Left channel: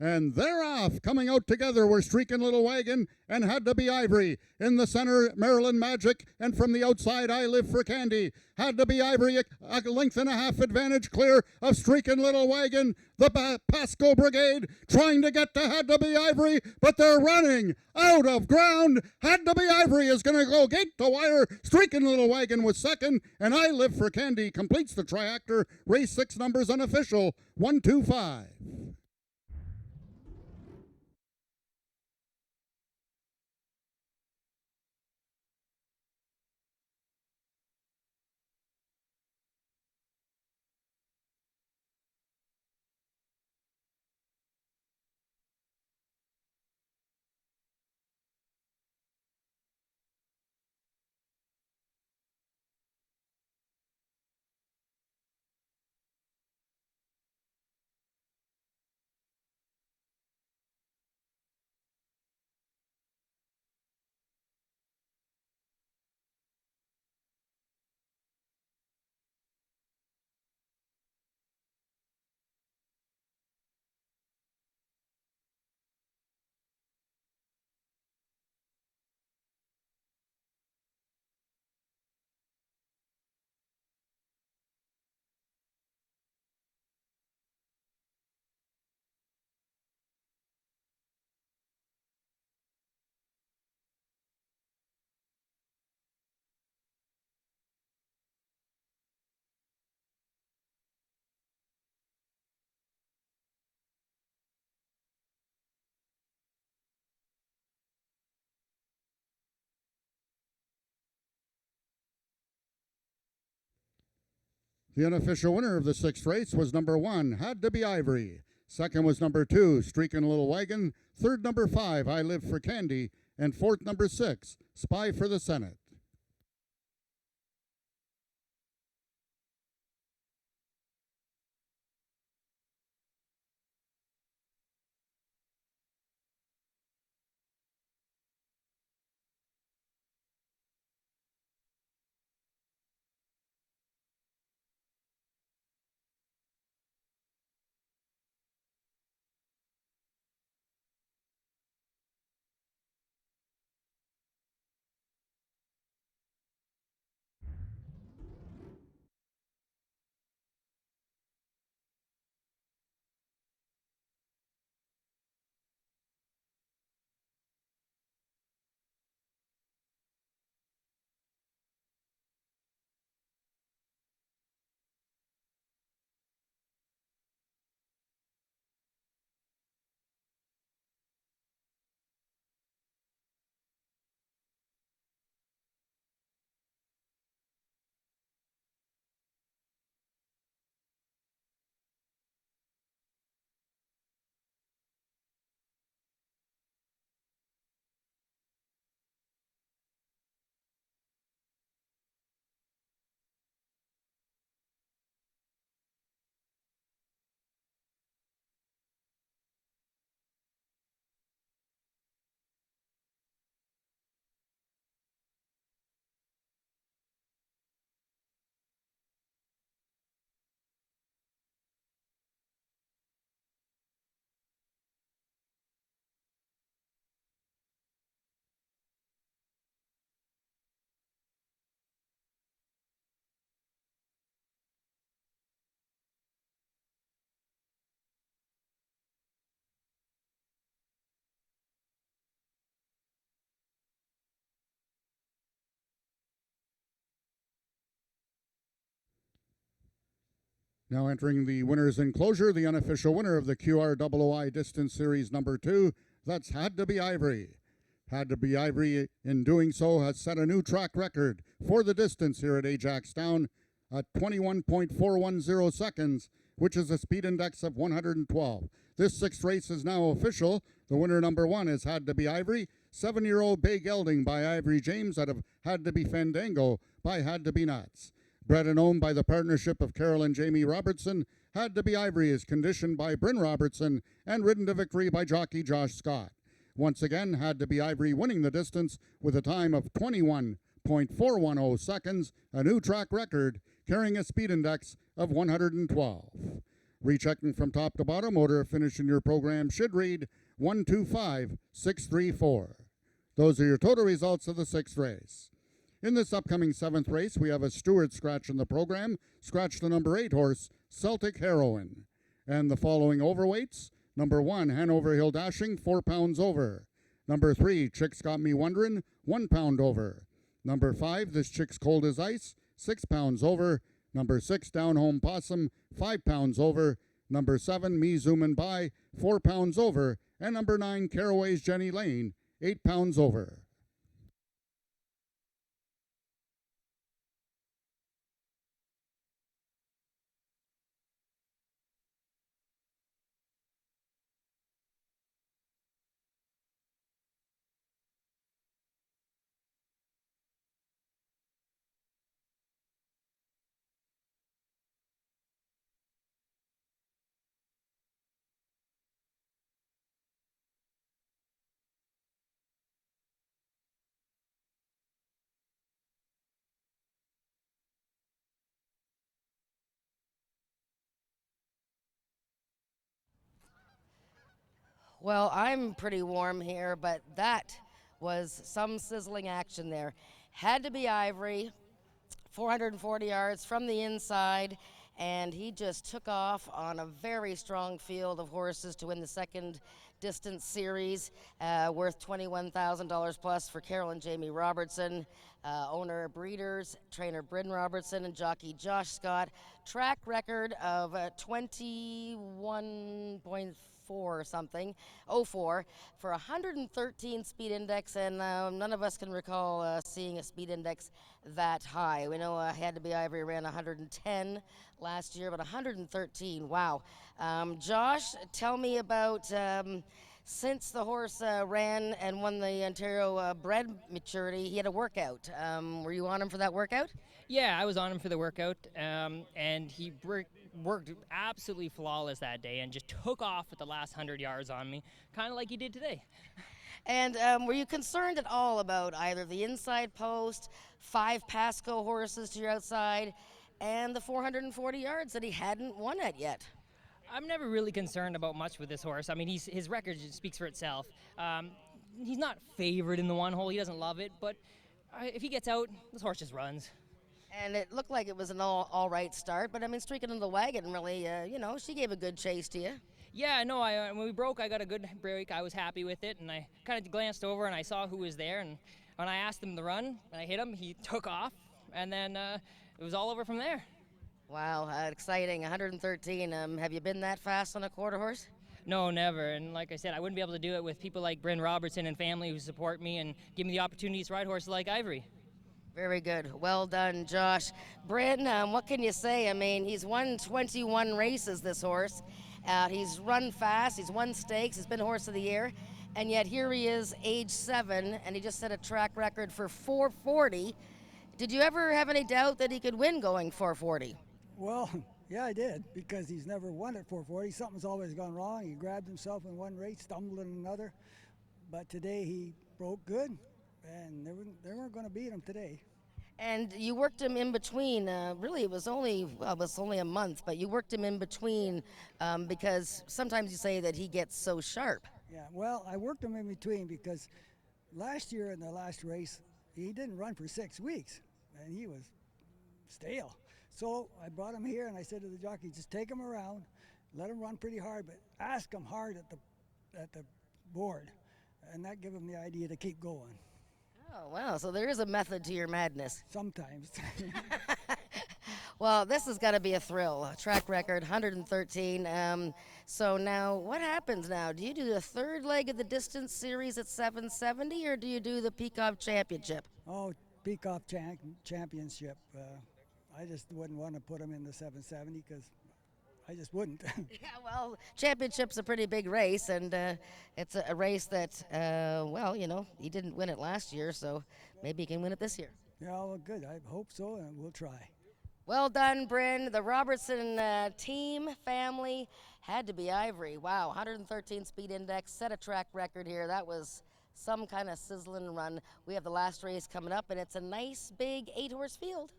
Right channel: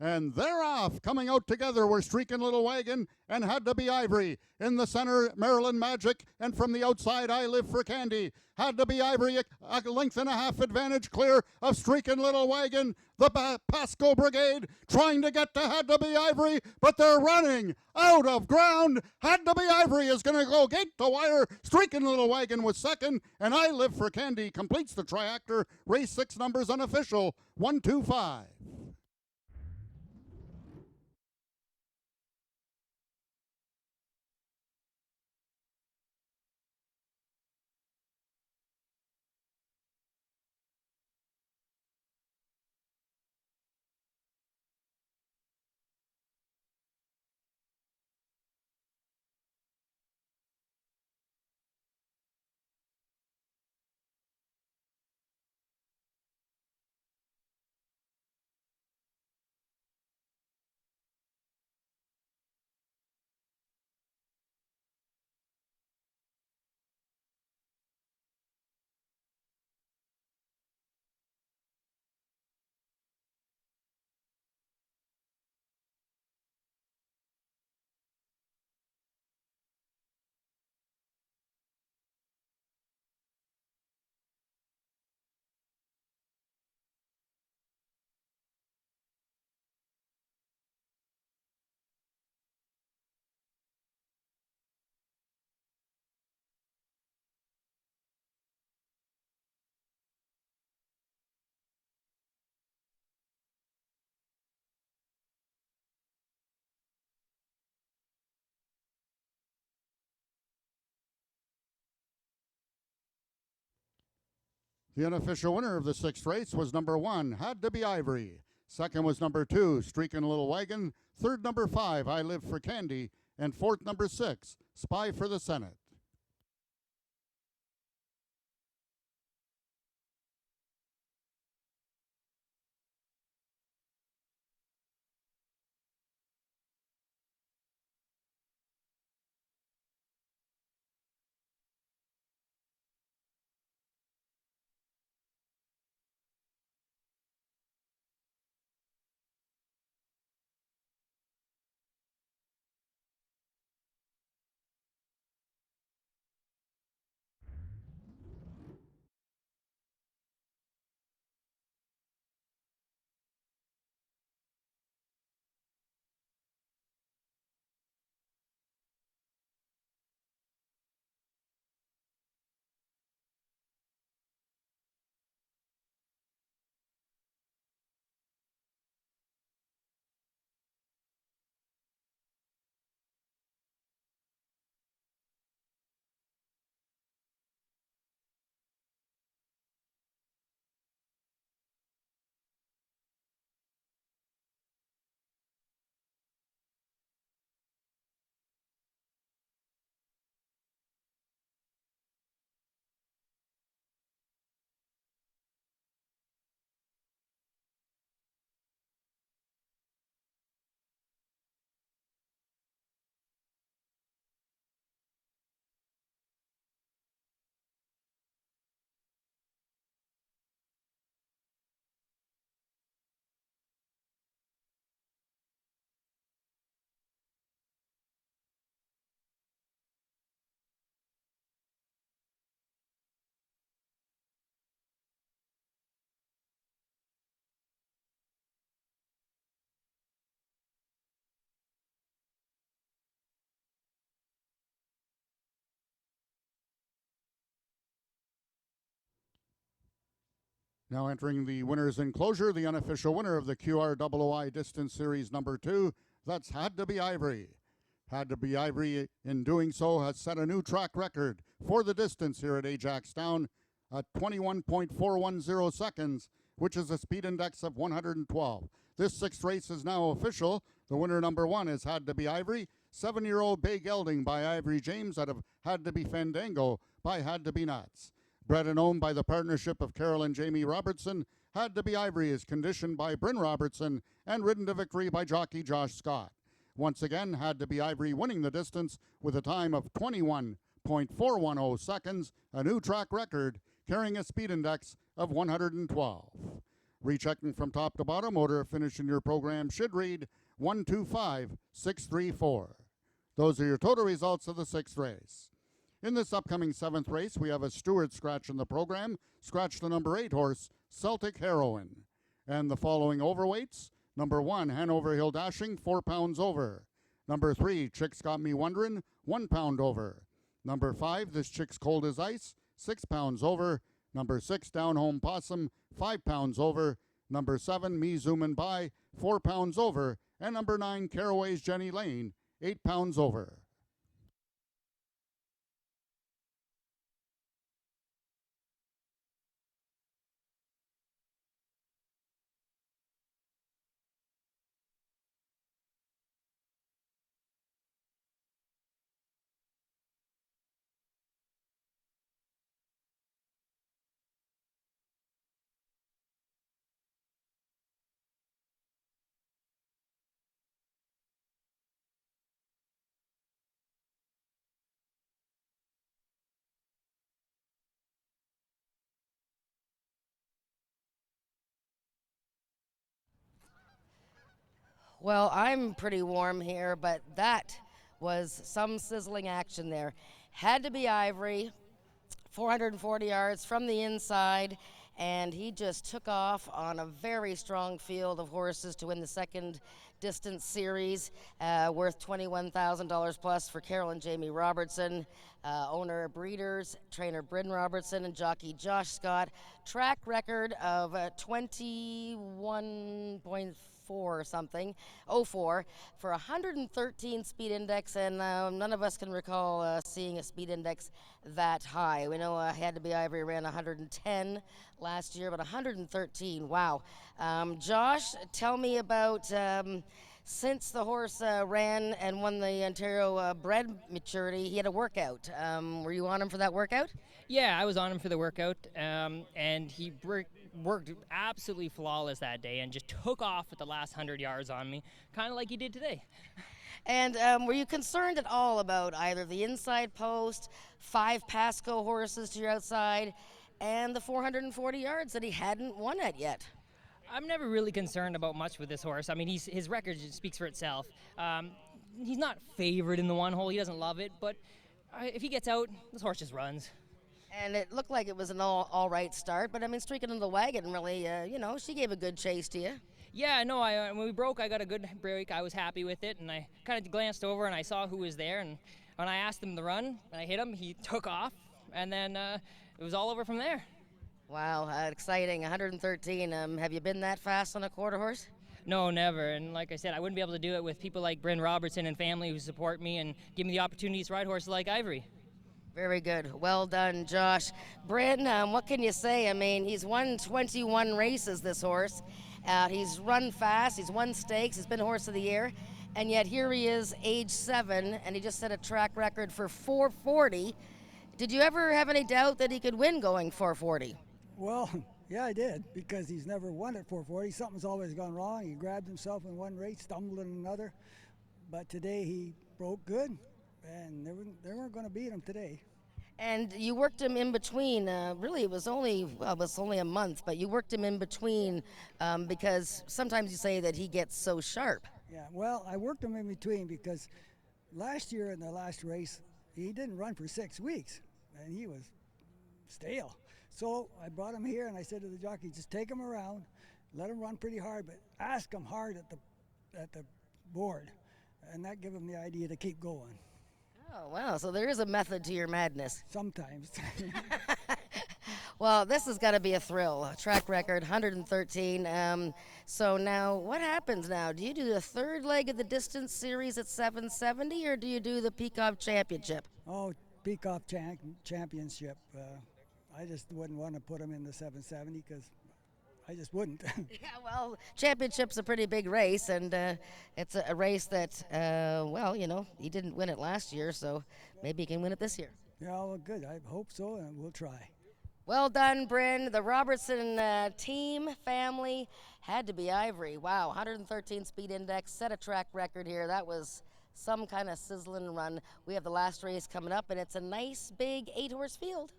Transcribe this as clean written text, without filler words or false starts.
And they're off. Coming out together were Streaking Little Wagon and Had to Be Ivory. In the center, Maryland Magic. And from the outside, I Live for Candy. Had to Be Ivory, a length and a half advantage clear of Streaking Little Wagon. The Pasco Brigade trying to get to Had to Be Ivory, but they're running out of ground. Had to Be Ivory is going to go gate to wire. Streaking Little Wagon was second, and I Live for Candy completes the triactor. Race 6 numbers unofficial, 125. The unofficial winner of the 6th race was number 1, Had to Be Ivory. Second was number 2, Streaking Little Wagon. Third, number 5, I Live for Candy. And fourth, number 6, Spy for the Senate. Now entering the winner's enclosure, the unofficial winner of the QROOI Distance Series number 2, that's Had to Be Ivory. Had to Be Ivory, in doing so, has set a new track record for the distance here at Ajax Town at 21.410 seconds, which is a speed index of 112. This 6th race is now official. The winner number 1 is Had to Be Ivory. 7-year-old Bay Gelding by Ivory James out of Had to Be Fandango by Had to Be Nuts. Bred and owned by the partnership of Carol and Jamie Robertson, Had to Be Ivory is conditioned by Bryn Robertson and ridden to victory by jockey Josh Scott. Once again, Had to Be Ivory winning the distance with a time of 21.410 seconds, a new track record, carrying a speed index of 112. Rechecking from top to bottom, order of finish in your program should read 125634. Those are your total results of the 6th race. In this upcoming 7th race, we have a steward scratch in the program. Scratch the number 8 horse, Celtic Heroine. And the following overweights: number 1, Hanover Hill Dashing, 4 pounds over. Number 3, Chicks Got Me Wondering, 1 pound over. Number 5, This Chick's Cold as Ice, 6 pounds over. Number 6, Down Home Possum, 5 pounds over. Number 7, Me Zoomin' By, 4 pounds over. And number 9, Caraway's Jenny Lane, 8 pounds over. Well, I'm pretty warm here, but that was some sizzling action there. Had to be Ivory, 440 yards from the inside, and he just took off on a very strong field of horses to win the second distance series, worth $21,000 plus for Carol and Jamie Robertson, owner of Breeders, trainer Bryn Robertson, and jockey Josh Scott. Track record of 21.4 or something, 04, for 113 speed index, and none of us can recall seeing a speed index that high. We know Had to be Ivory ran 110 last year, but 113, wow. Josh, tell me about since the horse ran and won the Ontario bred maturity, he had a workout. Were you on him for that workout? Yeah, I was on him for the workout, and he worked absolutely flawless that day and just took off at the last 100 yards on me, kind of like he did today. And were you concerned at all about either the inside post, 5 Pasco horses to your outside, and the 440 yards that he hadn't won at yet? I'm never really concerned about much with this horse. I mean, his record speaks for itself. He's not favored in the one hole. He doesn't love it, but if he gets out, this horse just runs. And it looked like it was an all right start, but I mean, streaking in the wagon really, she gave a good chase to you. Yeah, no, when we broke, I got a good break. I was happy with it, and I kind of glanced over and I saw who was there, and when I asked him to run, and I hit him, he took off, and then it was all over from there. Wow, exciting, 113. Have you been that fast on a quarter horse? No, never. And like I said, I wouldn't be able to do it with people like Bryn Robertson and family who support me and give me the opportunities to ride horses like Ivory. Very good. Well done, Josh. Bryn, what can you say? I mean, he's won 21 races, this horse. He's run fast. He's won stakes. He's been Horse of the Year. And yet here he is, age 7, and he just set a track record for 440. Did you ever have any doubt that he could win going 440? Well, yeah, I did, because he's never won at 440. Something's always gone wrong. He grabbed himself in one race, stumbled in another. But today he broke good, and they weren't going to beat him today. And you worked him in between. Really, it was only a month, but you worked him in between because sometimes you say that he gets so sharp. Yeah, well, I worked him in between because last year in the last race, he didn't run for 6 weeks, and he was stale. So I brought him here, and I said to the jockey, just take him around, let him run pretty hard, but ask him hard at the board, and that gave him the idea to keep going. Oh, wow. So there is a method to your madness. Sometimes. Well, this has got to be a thrill. Track record, 113. So now, what happens now? Do you do the third leg of the distance series at 770, or do you do the Peacock Championship? Oh, Peacock Championship. I just wouldn't want to put him in the 770 because I just wouldn't. Yeah, well, championship's a pretty big race, and it's a race that, he didn't win it last year, so maybe he can win it this year. Yeah, well, good. I hope so, and we'll try. Well done, Bryn. The Robertson team, family, Had to be Ivory. Wow, 113 speed index, set a track record here. That was some kind of sizzling run. We have the last race coming up, and it's a nice, big 8-horse field.